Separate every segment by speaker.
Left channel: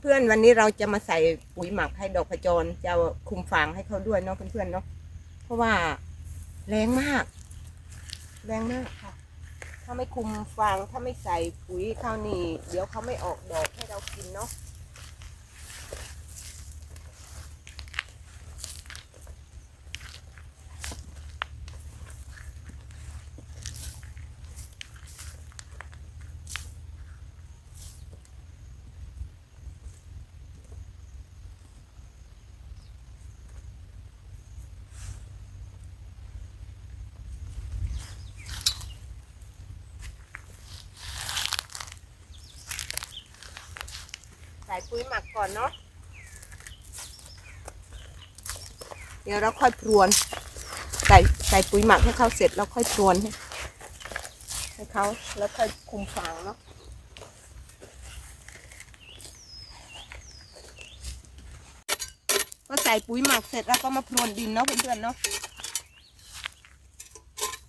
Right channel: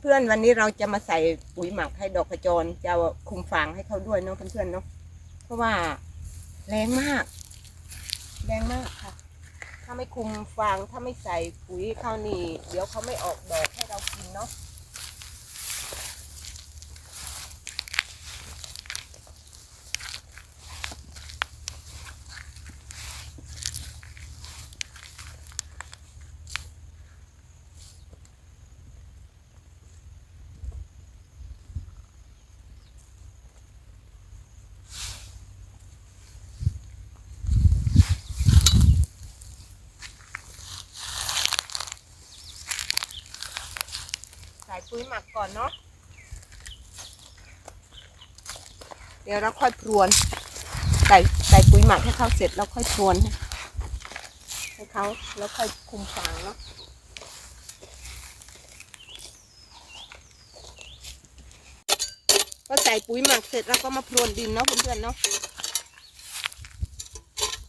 Speaker 1: เพื่อนๆวันนี้เราจะมาใส่ปุ๋ยหมักให้ดอกขจรจะคุมฟางให้เขาด้วยเนาะเพื่อนๆเนาะเพราะว่าแรงมากแรงมากค่ะ ถ้าไม่คุมฟางถ้าไม่ใส่ปุ๋ยเขานี่เดี๋ยวเขาไม่ออกดอกให้เรากินเนาะ ส่ปุ๋ยหมักก่อนเนาะ เดี๋ยวเราค่อยพรวน ใส่ใส่ปุ๋ยหมักให้เขาเสร็จแล้วค่อยพรวนให้เขาแล้วค่อยคุมฟางเนาะก็ใส่ปุ๋ยหมักเสร็จแล้วก็มาพรวนดินเนาะเพื่อนๆเนาะ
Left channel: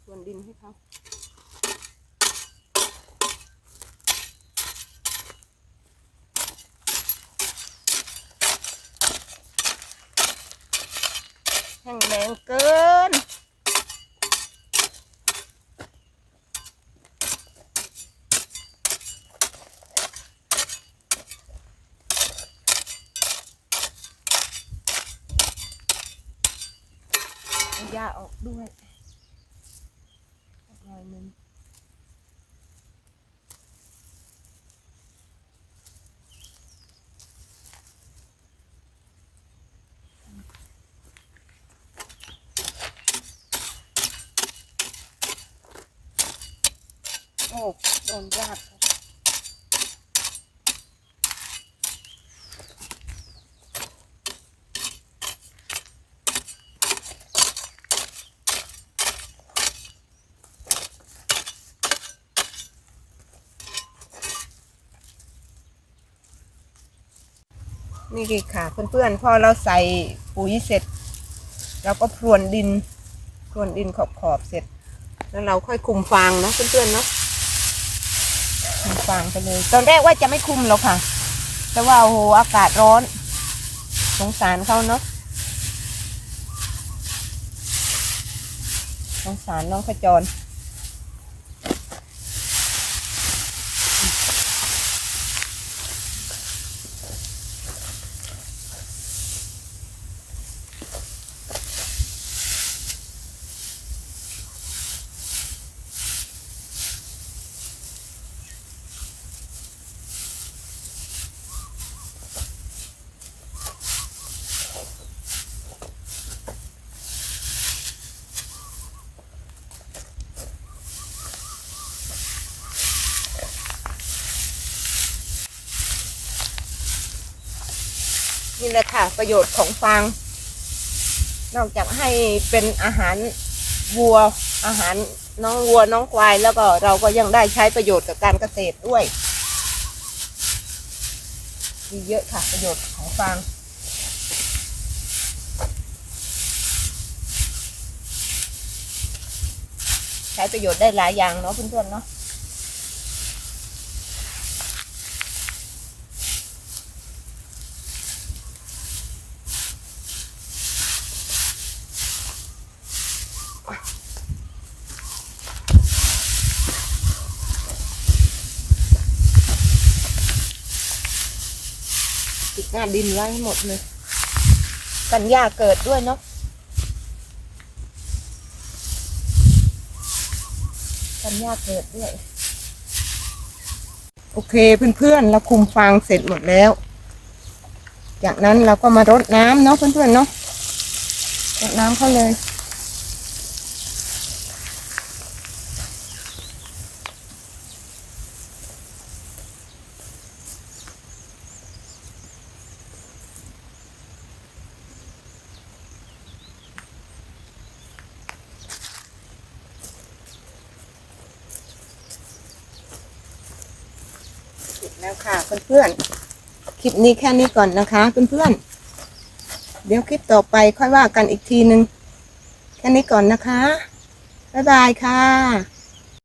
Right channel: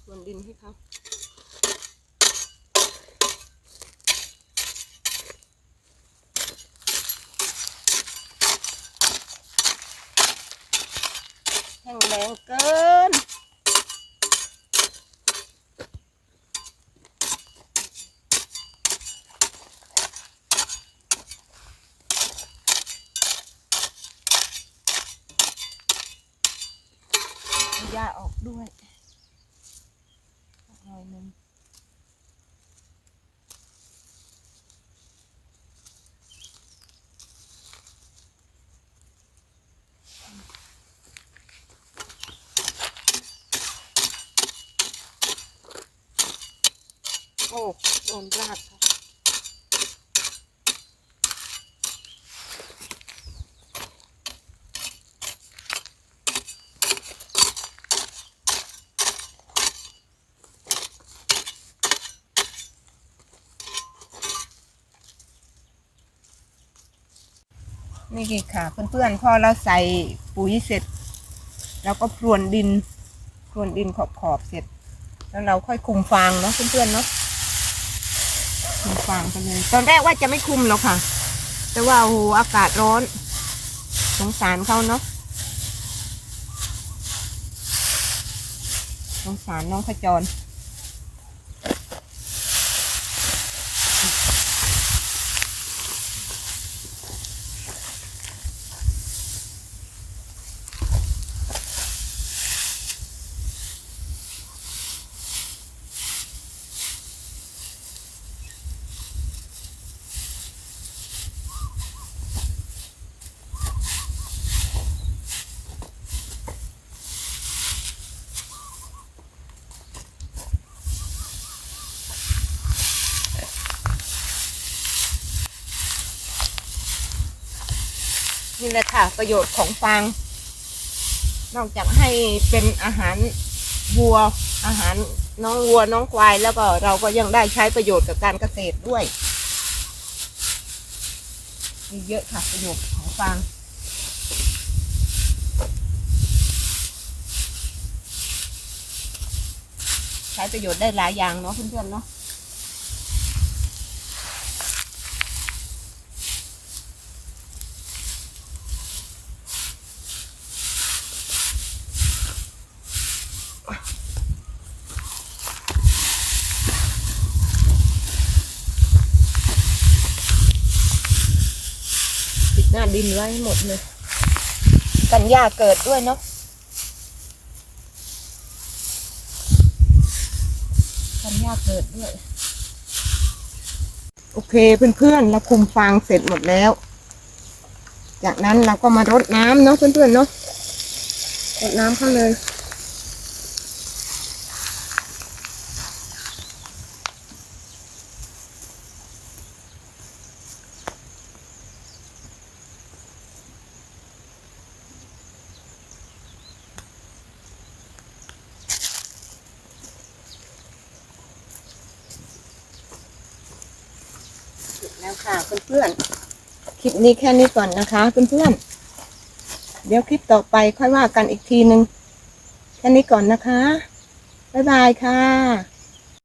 Speaker 1: พรวนดินให้เขา แห้งแรงเกิน ยาออกด้วยหน่อยหนึ่ง โอ้โดนยากค่ะนี่คือค่ะเพื่อนๆพอเราใส่ปุ๋ยเสร็จเราก็พรวนดินพรวนดินขอบๆเสร็จ แล้วเราค่อยคุมฟางนะเพื่อนๆเนาะ มันฟางไปเลย ตอนแรกว่าจะไม่คุมหรอกค่ะ แต่ว่าโอ้โหอากาศร้อน สงสารเขาเนาะสงสารน้องขจร นี่แหละค่ะประโยชน์ของฟาง นอกจากให้เป็นอาหารวัว อาหารน้องวัวน้องควายแล้วก็เราก็ยังได้ใช้ประโยชน์กับการเกษตรด้วยมีเยอะค่ะประโยชน์ของฟางใช้ประโยชน์ได้หลายอย่างเนาะเพื่อนๆเนาะ ปิดหน้าดินไว้ให้หมดเลย กันหญ้าเกิดด้วยเนาะกันหญ้าเกิดด้วย โอเคเพื่อนๆเราคุมฟางเสร็จหมดแล้ว จากนั้นเราก็มารดน้ำเนาะเพื่อนๆเนาะรดน้ำเข้าเลย แล้วค่ะเพื่อนๆ คลิปนี้แค่นี้ก่อนนะคะเพื่อนๆ เดี๋ยวคลิปต่อไปค่อยว่ากันอีกทีนึง แค่นี้ก่อนนะคะ บ๊ายบายค่ะ